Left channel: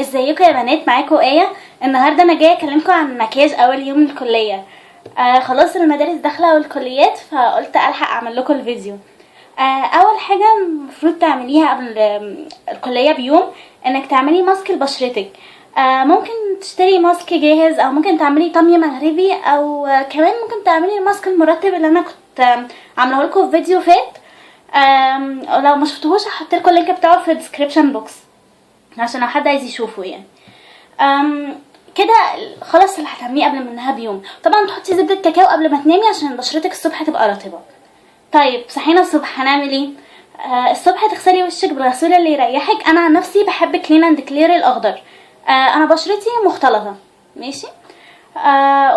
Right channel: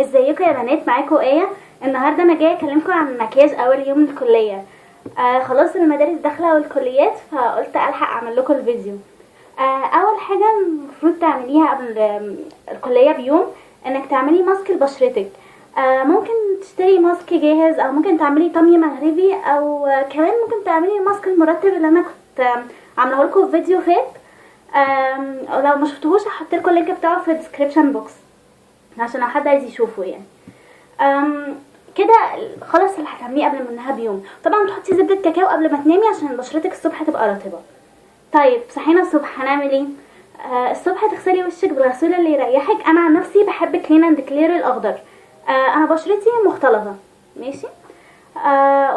ازيكم يا بنات؟ معاكم ايه. النهارده انا جايه اكلمكم عن مكياج اول يوم الكليه. خلاص المدارس داخله والكليات، فقلت الحق اعمل لكم الفيديو. اول حاجه المفروض تعمليها قبل الكليه بيوم انك تعملي ماسك لبشرتك. ممكن تشتري ماسك جاهز او ممكن تعملي طمي مغربي او كمان ممكن تعملي الماسك المرطب اللي انا كنت عامله لكم في فيديو فات. لو ما شفتوهوش هحط لكم اللينك بتاعه في الديسكريبشن بوكس عشان لو حد عايز يشوفه يعني. كده خلاص اللي هتعمليه قبل منها بيوم. طبعا تحطي زبدة كاكاو قبل ما تنامي عشان بشرتك الصبح تبقى رطبة. طيب صحينا الصبح هنعمل ايه؟ الصبح تغسلي وشك بالغسول اللي يريحك. انا عن نفسي بحب كلين اند كلير الاخضر. انا بشرتي مختلطة، ماشي.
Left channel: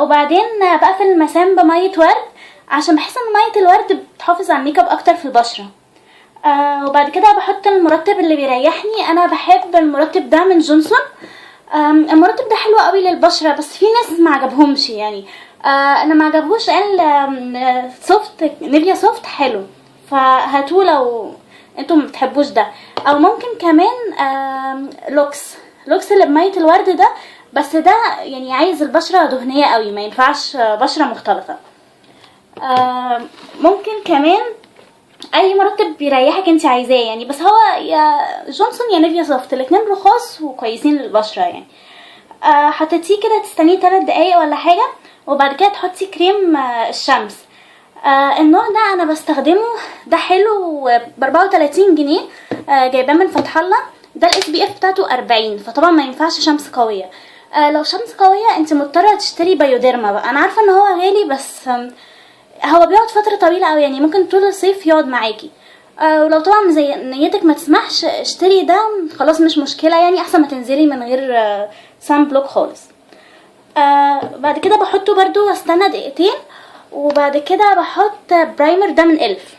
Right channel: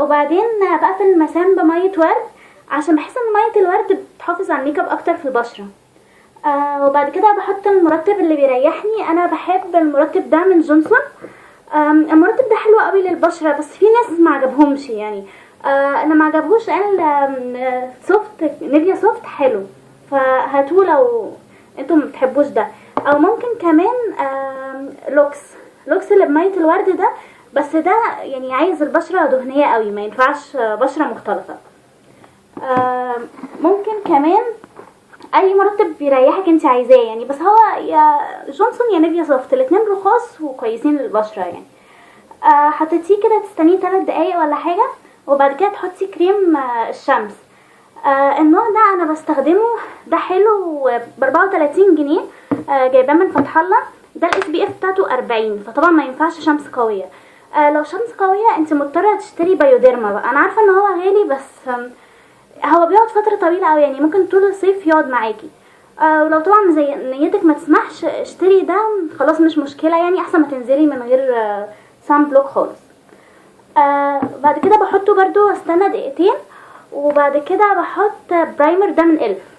وبعدين بقفل المسام بمية ورد عشان بحس ان مية الورد بتحافظ على الميك اب اكتر في البشرة. وبعد كده بحط المرطب اللي بيريحني. انا بحب المرطب ده من جونسون. المرطب ده حلو قوي للبشره، بس في ناس ما عجبهمش يعني. انا ما عجبوش. قال سوفت نيفيا سوفت حلو، فهاتوه لو انتم ما بتحبوش ده. او ممكن كمان لوكس اللي بميه الورد ده، بس ده يعني عايز البشره دهنيه قوي، ما ينفعش بشره مختلطه. ممكن كمان اي مرطب بيريحك انت عايزاه يعني، بس هو يا جونسون يا نيفيا سوفت، الاتنين رخاص وكويسين للبشره يعني. حطيتيه كده تستنيه 3 دقايق ولا حاجه، وبعد كده تحطي كريم الشمس. النوع ده انا بستخدمه، ده حلو ب 34 جنيه. جايباه من فتح الله. ده الاس بي اف بتاعته 40، فطبعا ما ينفعش شمس قويه. لو شمس قويه انت مضطره تشتري بايوديرما بقى. انا عارفه ان هو غالي، بس هو بيقعد فتره طويله قوي يعني، ممكن طول الصيف يقعد معاكي. ولو طبعا زي نيتك ما تسمحش اشتري ده، خلاص مش مشكله يعني، احسن ما تنزلي من غير سان بلوك خالص. بعد كده بحطه برضو واستنى دقيقتين، وبعد كده بحط برايمر ده من الف.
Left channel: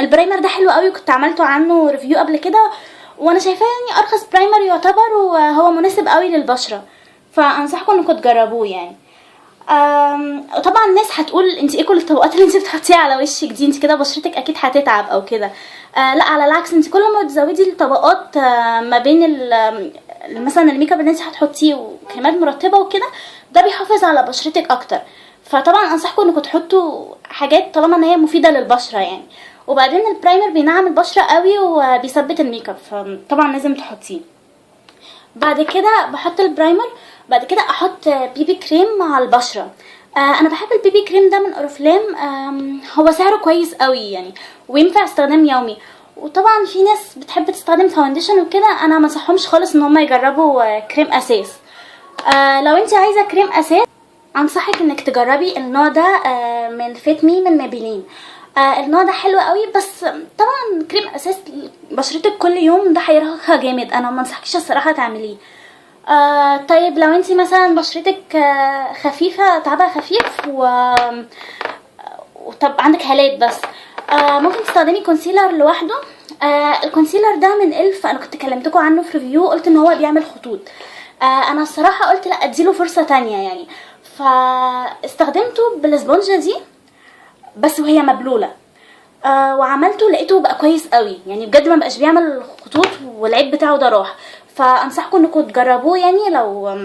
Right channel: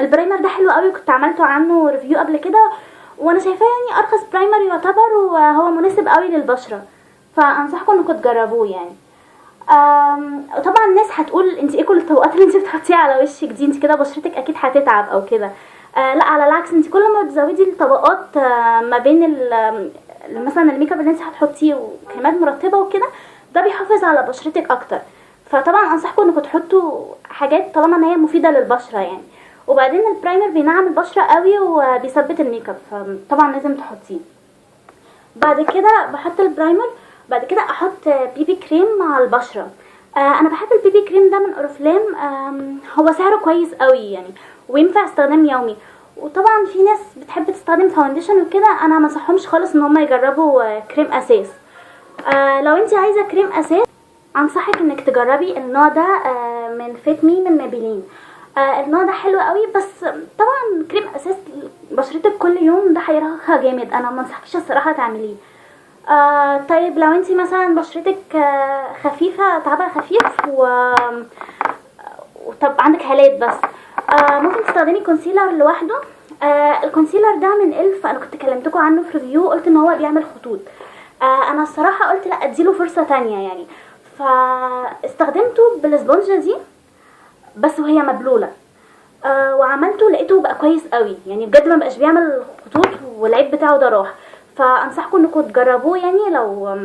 البرايمر ده حلو قوي، كنت عملته عنه ريفيو قبل كده، وانا شايفاه يعني ارخص برايمر يعتبر، وهو مناسب قوي للبشره، فانصحكم انكم تجربوه يعني. طبعا الناس هتقول انت ايه كل الطبقات اللي انت بتحطيها على وشك دي؟ انت كده بشرتك اكيد هتتعب او كده. لا، على العكس، انت كل ما تزودي الطبقات ما بين مثلا الميك اب اللي انت هتحطيه وكريمات مرطبه وكده، ده بيحافظ على بشرتك اكتر. فطبعا انصحكم انكم تحطوا حاجات طالما ان هي مفيده للبشره يعني. وبعدين البرايمر بينعم البشره قوي وبيثبت الميك اب، فطبعا لازم تحطيه. بعد كده بحط البرايمر، بعد كده احط بيبي كريم مع البشره. انا بحب البيبي كريم ده من اورفلام. هو سعره كويس قوي يعني، وينفع استخدام يومي. وطبعا في ناس بتحب تستخدم فاونديشن وكده، انا ما انصحهمش خالص ان هم يجربوا كريم اساس. لو انت عايزه كريم اساس انصحك انك تجربي النوع ده من فيت مي من مابيلين. النوع ده حلو قوي، بس طبعا كريم اساس بشرتك كل يوم ده هيرهقها جامد، انا ما انصحكش الصراحه تعمليه. طيب لو انتي مثلا بشرتك خفيفه، تعبها خفيف طب عندك هالات بس، ممكن تستخدمي كونسيلر لوحده. الكونسيلر ده من الف، انا كنت كلمتكم عنه في ريفيو، قلت ان هو بيعمل خطوط. انا الصراحه قلت لا اديله فرصه تانية يعني، فاستخدمته بالاسبونجه دي بس وهي مبلوله. وعملته لقيته بقى كويس قوي يعني، بجد ما بقاش بيعمل خطوط والعيب بتاعه ده راح. فانصحكم انكم تجربوه يعني لو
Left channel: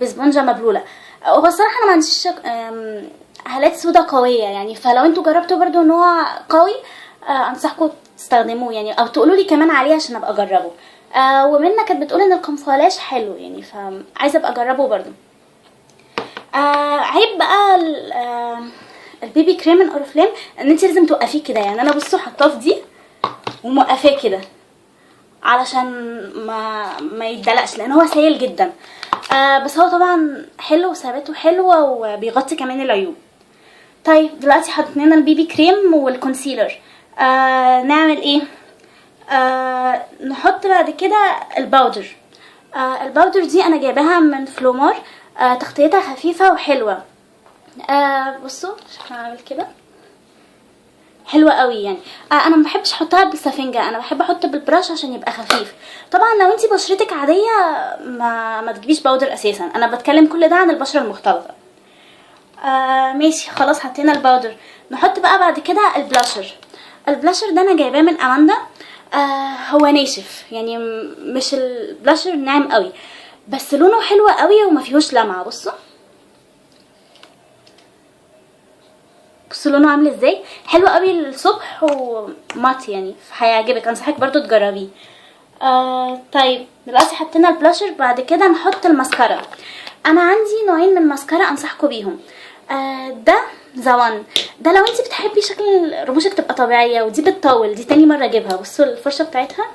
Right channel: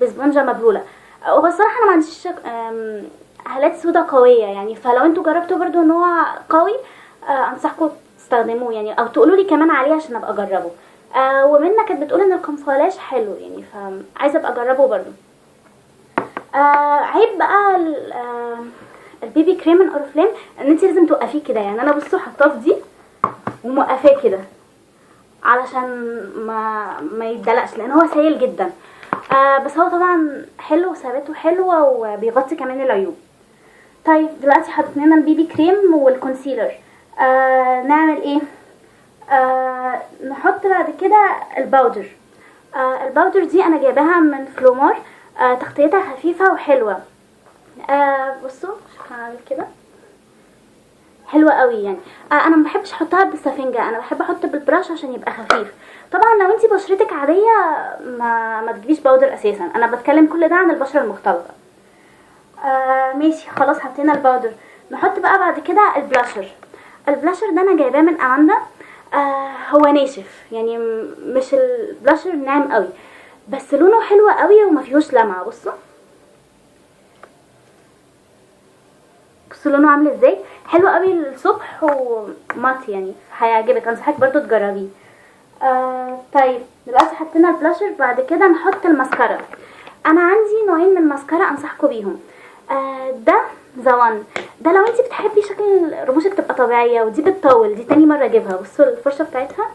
بسبونجه مبلوله. هو الصراحه انا ما عنديش هالات سودا قويه يعني، فلو انتوا جربتوا برضو نوع قوي انصحكم تستخدموه يعني، او تقولوا لي كمان عليه عشان ابقى اجربه. ومنى كانت بتقول ان القنفلاش حلو يعني، فعايزه ابقى اجربه برضو. عيب بقى البيبي كريم من اورفلام ان انت لازم توقفيه كده يعني. انا بصوا حطاه في دي وموقفاه كده علشان ما يتدلقش، لان هو سائل جدا. بس هو طبعا حلو وثباته حلوه وبيغطي كمان العيوب. طيب دلوقتي حطينا البيبي كريم والكونسيلر. نعمل ايه؟ نحط بعد كده الباودر. الباودر دي انا جايباها من فلومار. تغطيتها خفيفه وحلوه. بصوا شكلها عامل كده حلوه قوي يعني. انا ما بحبش احطها بالسفنجه، انا بحب احط بالبراش عشان يبقى خفيف. طبعا لو انتي بشرتك عاديه ما تجيبيش باودر اساسا، انا بتكلم كل ده عن البشره المختلطه. ماشي خلاص حطينا الباودر. نحط بقى بعد كده البلاشر. البلاشر ده انا جايباه من اماندا. هو ناشف يعني، مش البلاشر ناعم قوي، بس لونه حلو قوي وما فيهوش لمعه. بصوا لونه عامل ازاي، حلو قوي الصبح ومات يعني، هيعجبك، انصحك برضو تجربيه. طيب دلوقتي حطينا البلاشر، بعد كده نحط الماسكارا. انا عندي نوعين من الماسكارا انصحكم بيهم. ده زوان، ده لو انت بتحبي شكل رموشك تبقى طبيعيه، ودي بتطول، دي تاني مره اجيبها. بصوا الفرشه بتاعتها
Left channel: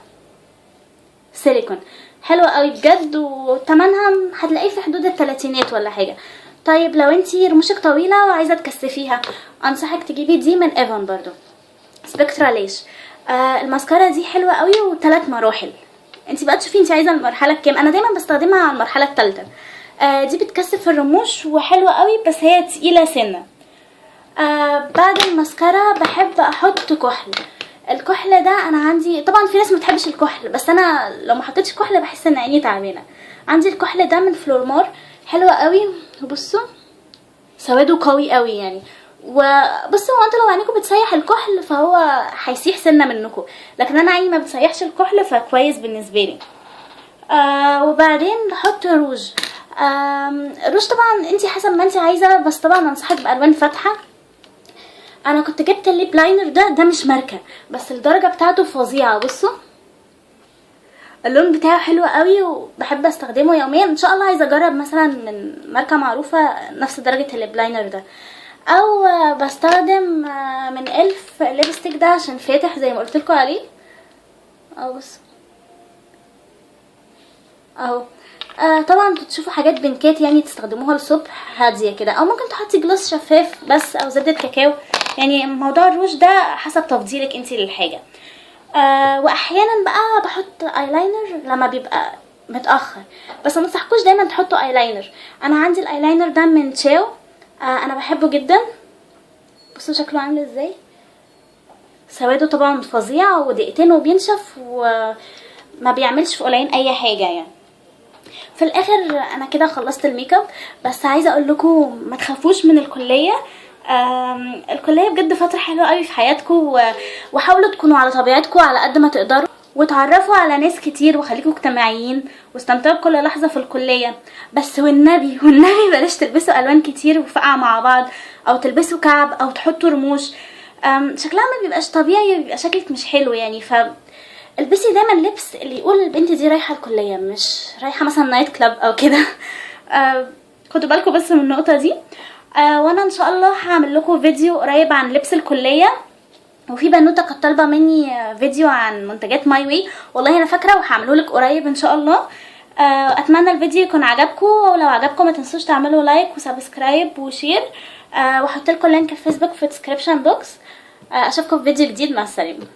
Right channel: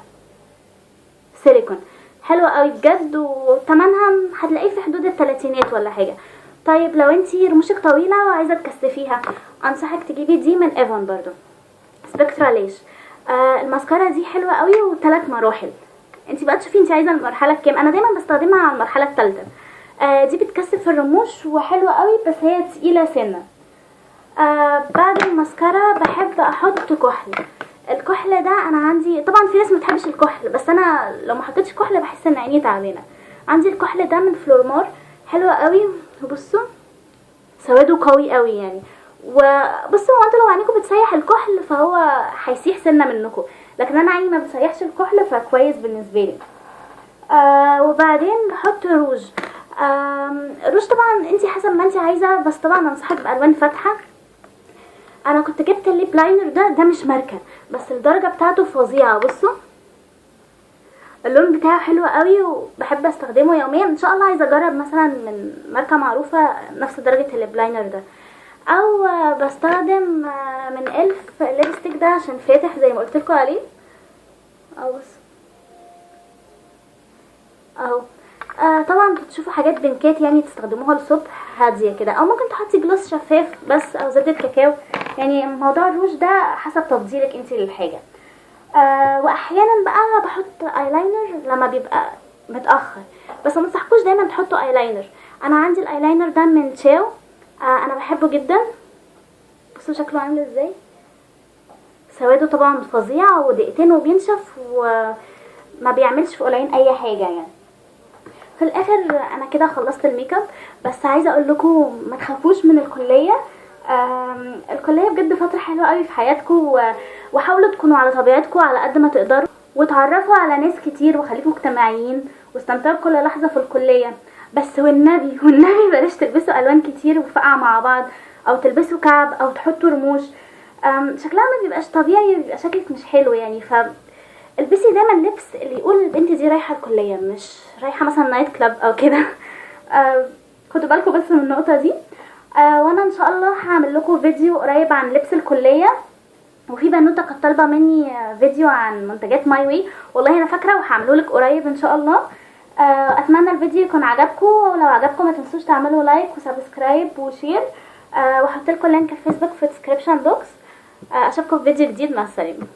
سيليكون، حلوه قوي بجد، وتمنها هتلاقيه في حدود التلاتينات ولا حاجه. طيب لو انتي رموشك طويله وعايزه تكثفيها، انصحك تجيبي دي من ايفون برضو، سبكترا ليش. الماسكارا دي حلوه قوي، وثلاث مراحل، انتي بقى تشوفي انتي عايزه المرحله الكام. انا دايما بستخدمها على المرحله الثالثه. دي بتكثف الرموش وحلوه قوي، بس هي تقيله سنه. بعد الماسكارا بحب احط كحل. الكحل ده انا عندي، طبعا في ناس ما بتحبش الكحل، بس انا لو ما حطيتش كحل بحس ان عيني تعبانه. عندي الكحل ده من فلورمار، حلو قوي. وبصوا سواده قوي قوي يعني. وبصوا هو انتوا لو عينيكم بتسيح الكحل فهو هيسيح سنه منكم، لكن انا عيني ما بتسيحش الكحل فكويس بالنسبه لي. وبعدين نحط روج. روج طبعا انتي حسب ما انتي عايزه، بس طبعا انصحك بالوان فاتحه. انا كنت جبت الليب لاينر ده مش ماركه، بس الدرجه بتاعته فظيعه. بصوا اللون بتاعه حلو قوي، وبحب استخدمه يوميا. ان شاء الله عايزه اجرب مثلا من ماركه معروفه نفس درجه الليب لاينر ده، او بستخدم من الف ليبستيك ده عشان فاتح زي ما قلت لكم عليه. بص اهو. طبعا بتشوفوا حاجات بنكات يعني تستخدموها الصبح هاديه كده، او ممكن تحطي جلوس شفاف بس، او زبده كاكاو. يعني موضوع الروج ده حسب تفضيلك انتي للحاجه. واحيانا بقى بحط ايلاينر لما بيبقى متاخر، بس ما انصحكوش دايما تحطوا ايلاينر. انا عندي الايلاينر ده من تشاو، انا بحبه جدا. بصوا شكله عامل ازاي، سواده طبعا فظيع، ودقيقتين وبينشف، وما بيعملش في قليلين اي حاجه يعني. في الاخر انا كده خلصت الميك اب، بس عايزه اقول لكم ما تخافوش من الكليه. الكليه بجد فتره حلوه قوي في حياتكم، وحاولوا تكونوا على طبيعتكم على قد ما تقدروا، وتعرفوا على ناس كتير، وخليكم اجتماعيين، واستمتعوا بكل لحظه في الكليه. بس والنبي بلاش تلبسوا الوان كتير وفقع مع بعض، او تلبسوا كعب، او تحطوا رموش. شكلها ما بيبقاش طبيعي، بيبقى شكلك مش حلو يعني. البسي دايما لبس اللي يقول البنت دي رايحه الكليه، مش رايحه مثلا نايت كلاب او كده. خدوا بالكم بس من النقطه دي. وانا ان شاء الله هعمل لكم فيديو قريب عن لبس الكليه، وفي بنوته كانت طالبه مني فيديو عن منتجات ماي واي، والله انا فاكره وهعمله لك قريب ان شاء الله. اتمنى الفيديو يكون عجبكم، ولو عجبكم ما تنسوش تعملوا لايك وسبسكرايب وشير، وهحط لكم لينك الفيسبوك في الديسكريبشن بوكس. اشوفكم في فيديو جديد، مع السلامه.